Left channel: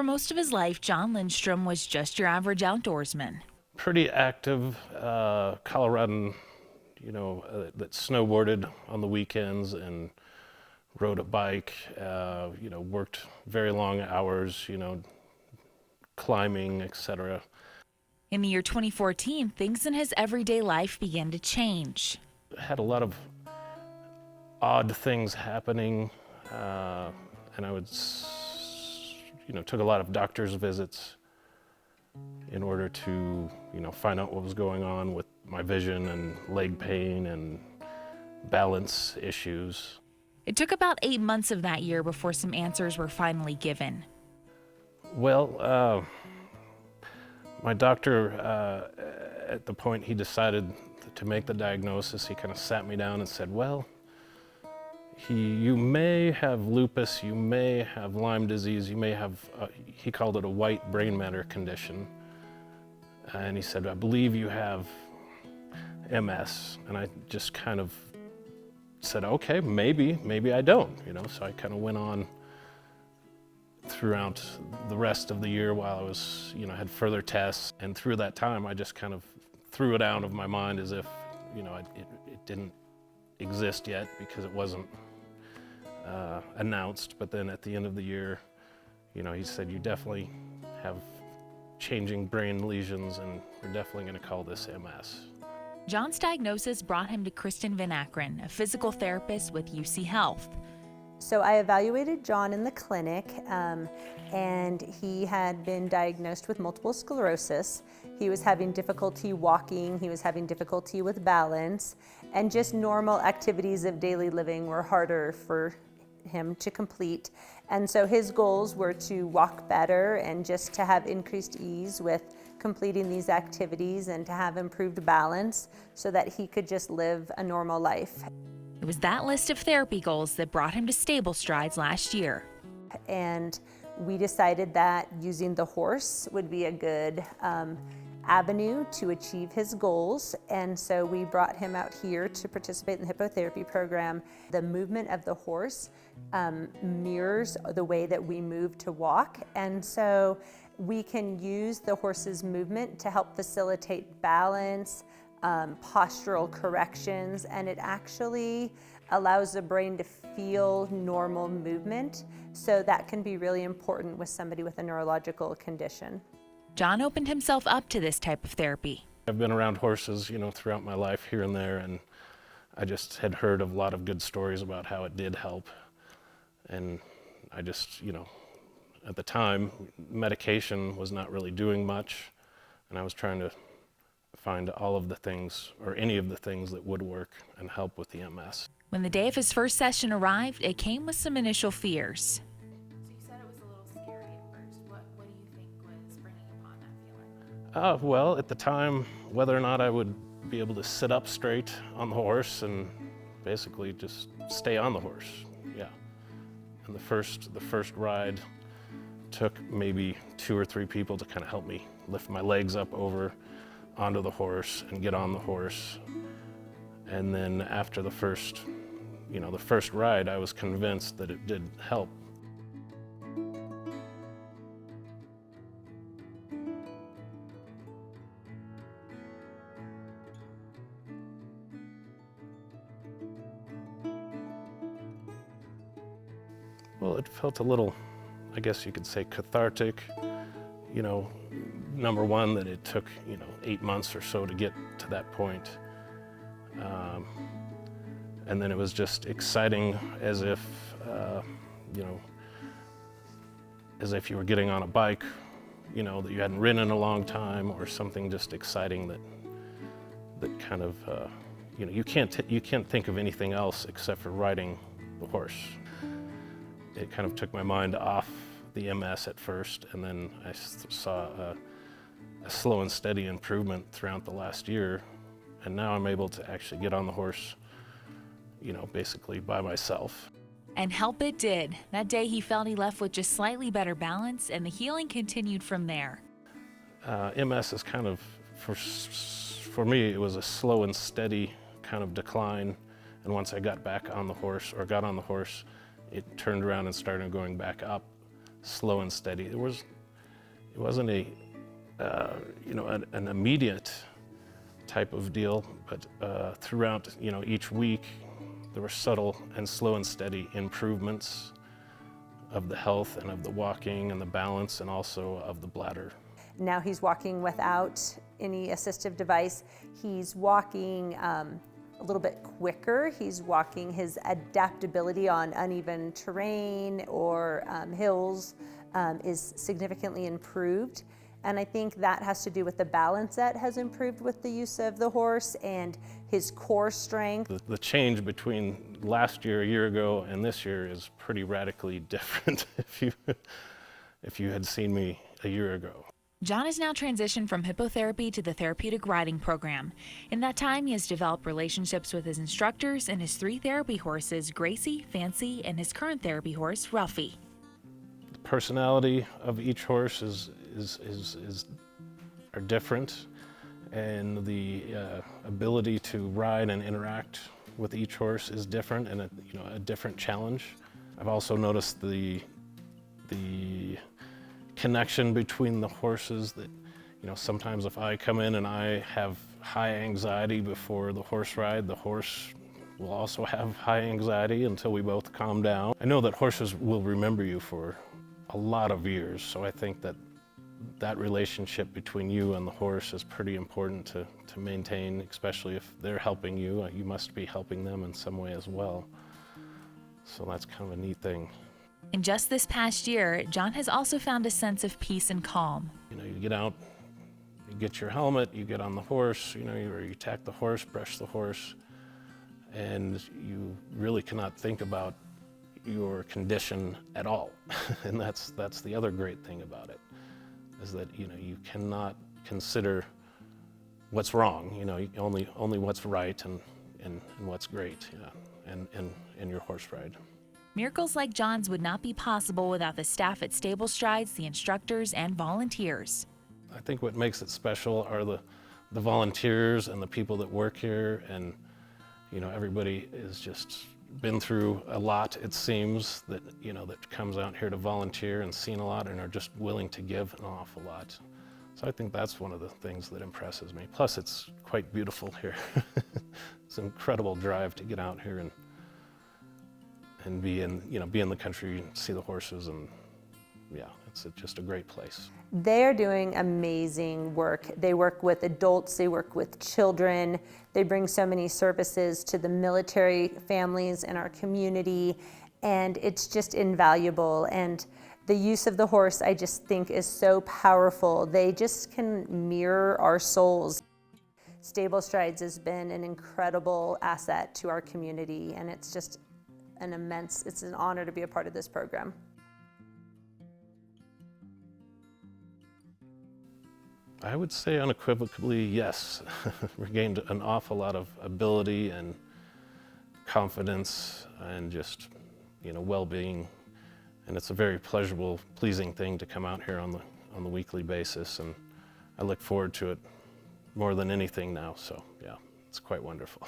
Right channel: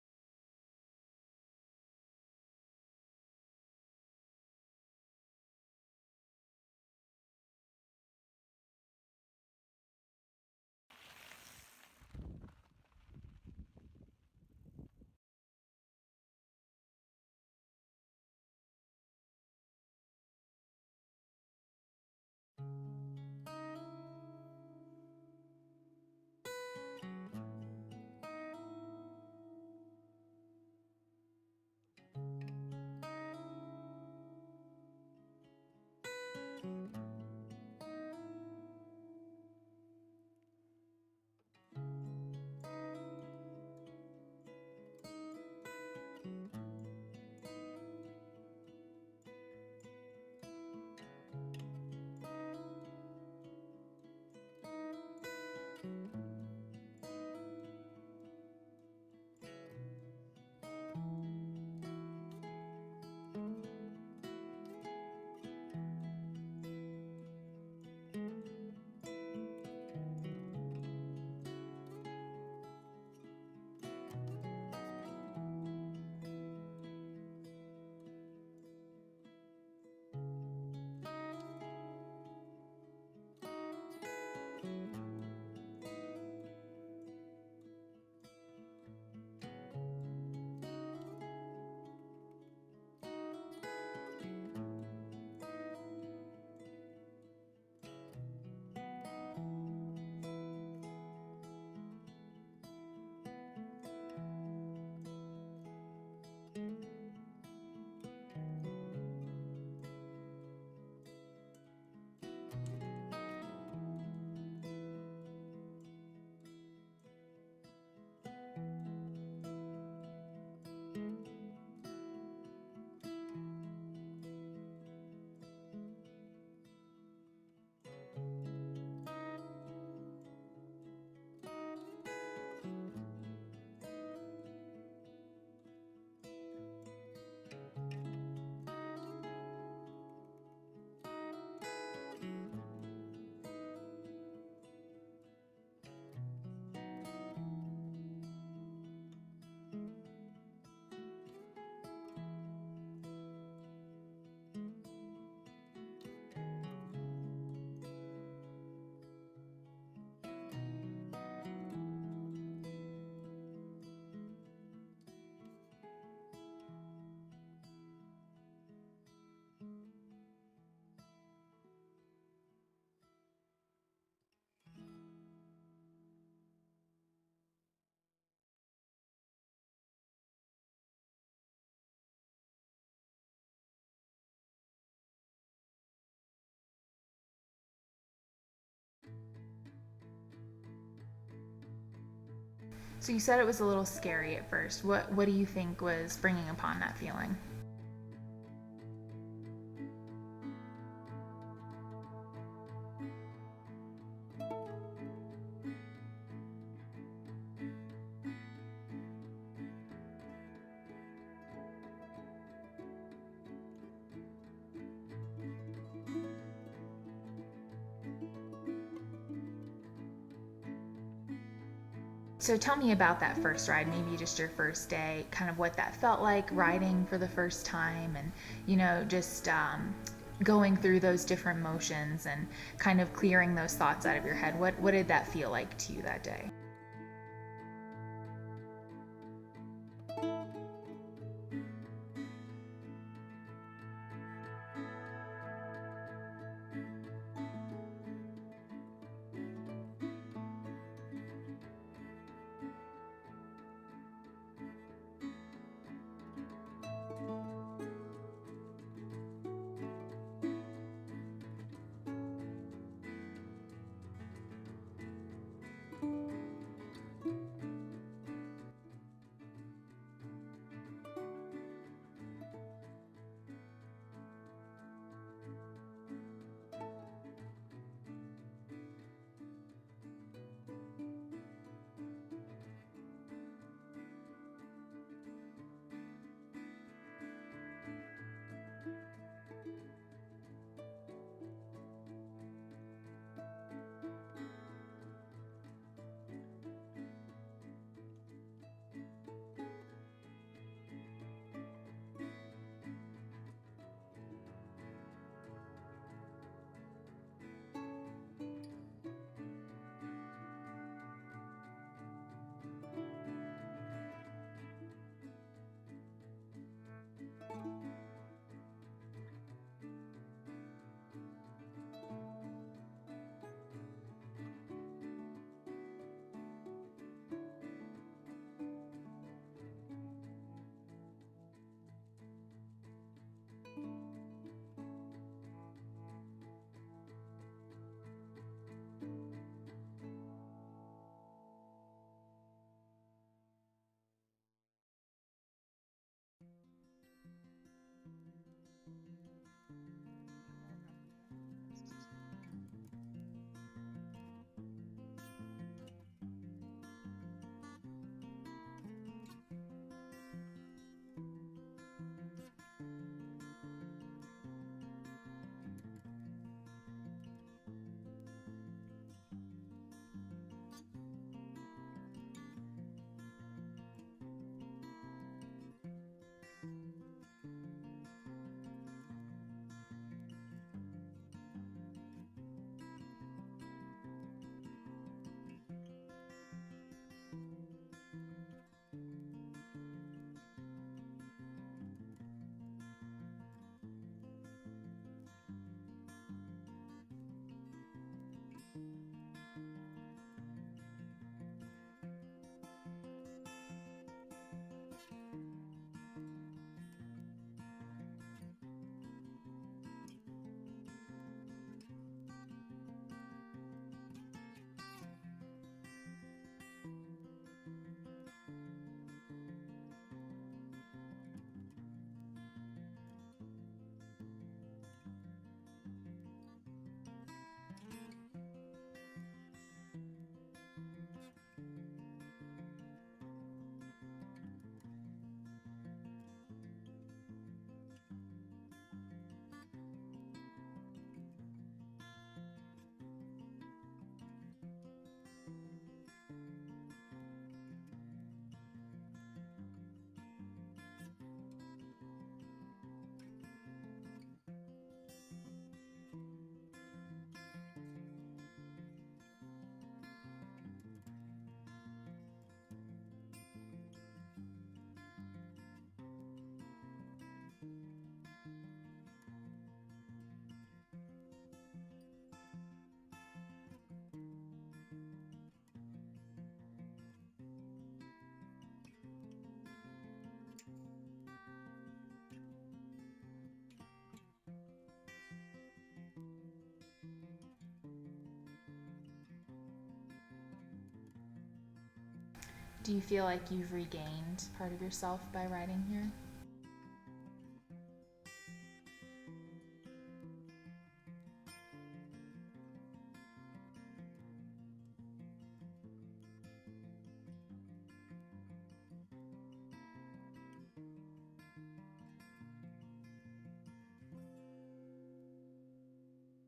For most of his life, Jon Lindstrom was just your average outdoorsman. Pretty active Coloradan, that snowboarded on the weekends and rode a bike, worked very long hours, climbing, etc. In the year 2014, things in his everyday life began to change. I had a lot of odd things happening, and I took a lot of doctor's visits in order to, find out what was going on with my vision and leg pain and balance issues. It took about 8 months of that year before some answers were finally given. Well, my doctor, at the point he decided to make the diagnosis, he kind of sat me down and said, well, you may have lupus, you may have Lyme disease, you may have, he called it a white brain matter condition. And he said, I believe you have MS. And I just kind of said, okay, maybe I don't, So I kind of went on throughout the rest of the year while I was, had further tests. And through that time, I just kind of threw it out of my mind as if, it didn't exist yet because it wasn't announced. But then at the end of the year, he said, you definitely have changing brain lesions and we're definitely going to call this MS. Jon's diagnosis brought him to Kristen Van Akron, a physical therapist with UC Health. So I evaluated Jon in the clinic, and he had been diagnosed with multiple sclerosis. He was having difficulty walking, he was having difficulty with balance, and just normal activities of daily living were harder for him to complete. And so his goals were to walk better and just to have increased ease with completing these activities and to have improved balance so that he could just live a normal life. It was that list of therapy goals that brought him to StableStrides last year. And we decided that using the horse would be a good avenue to achieve his goals. And so we brought him out here to participate in the hippotherapy program. The movement of the horse mirrors the way that we move to walk. And so we can use the horse's movement to help facilitate balance, postural corrections, and it actually allows the brain to feel normal movement. So that can be really important with somebody with a neurological condition. Jon opened himself up to this type of therapy. I've been around horses, throughout my life here and there, and I just had heard of a lot of good stories about how it did help. And I just, at the time, medication was not really doing much, and I was trying to find all of the things, or any of the things that would work and help with the MS. When the day of his first session arrived, it came with some initial fears. So you said it was a little scary at first. What do you think was bringing upon that feeling? Well, at the time, whether or not I would be able to sit up straight on the horse and basically just stay on the horse, yeah. And the first ride took maybe 2 or 3 people to kind of help me lift my legs up over onto the horse and get on the horse. And then after the first ride, I was convinced that it did help. So tell me about that first ride, maybe just your first day, kind of what that felt like riding for the first time and, just going through those different motions and kind of clearing those thoughts out of your head. What did that feel like to you that day? Well, it felt a little, I guess you could say, cathartic. Number one, that it took, 8 months or so to get to that point. And then it was just exciting as if, as if you were getting on a bike, that you hadn't ridden in a long time, or something just exciting that kind of, you can't think of anything else except for riding the horse. It kind of took my mind off the MS at first, and then I saw a slow and steady improvement throughout the last year, and now I'm able to actually get on the horse, basically by myself. And help it did. That day he felt he left with just slightly better balance, and the healing continued from there. MS is kind of, for me, it was a slow and steady kind of decline, and once I got on the horse, it turned around and started going back up slow and steady. It wasn't a an immediate type of deal, but throughout each week there were subtle and slow and steady improvements of the health and of the walking and the balance and also of the bladder. Now he's walking without any assistive device. He's walking a little bit quicker. He's walking, his adaptability on uneven terrain or hills is significantly improved. And I think that has to do with the balance that has improved with the use of the horse and his core strength. The change between last year, a year ago, and this year is pretty radically different if you had seen me a year ago. Jon has now transitioned from hippotherapy to the therapeutic riding program. In that time, he has developed relationships with his instructors and his 3 therapy horses, Gracie, Fancy, and his current therapy horse, Ruffy. The personality of each horse are different, and the ability to ride and interact with each horse is different and a different challenge. I've also noticed the connection between the horses that, sometimes if I come in and I have high anxiety before the horse ride, the horse will also have high anxiety until we both calm down. I know that horses will remember you for a lot of years, so I think that relationship between you and the horse is pretty important to maintain, especially if they're helping you. You must be helping them in some way as well. So that's kind of a neat thing. In just this past year, Jon has also found a sense of peace and calm. You get out, you get your helmet, you get on the horse, you tack the horse, brush the horse, and you really cannot think about your condition at all. And that's the other great thing about it, is that you cannot consider what's wrong, only what's right and what's great, in your horse ride. Miracles like Jon's would not be possible without the staff at StableStrides, the instructors, and volunteers. I think what makes it special are the volunteers and the people that work here, and everybody has just been through a lot, it seems, that comes out here to volunteer and seen a lot and are just willing to give an awful lot. So I think that's one of the things that impresses me. Plus it's quite beautiful here. It's an incredible drive to get out here and be in the country and see the horses, and yeah, it's just a great place. They're doing amazing work. They work with adults, they work with children, they bring so many services to the military families in our community, and it's just invaluable. And the use of the horse, I just think, is so powerful. They just can mirror our souls. StableStrides has been an incredible asset to our community, and it's just it's an honor to be a part of this program. Do you feel like you've regained part of yourself by riding here? I would say unequivocally yes. Regained an awful lot of ability and confidence and just well-being, and it's a very pleasurable, pleasing thing to come out here on the weekly basis, and I look forward to it more than anything now, so yeah, it's quite wonderful.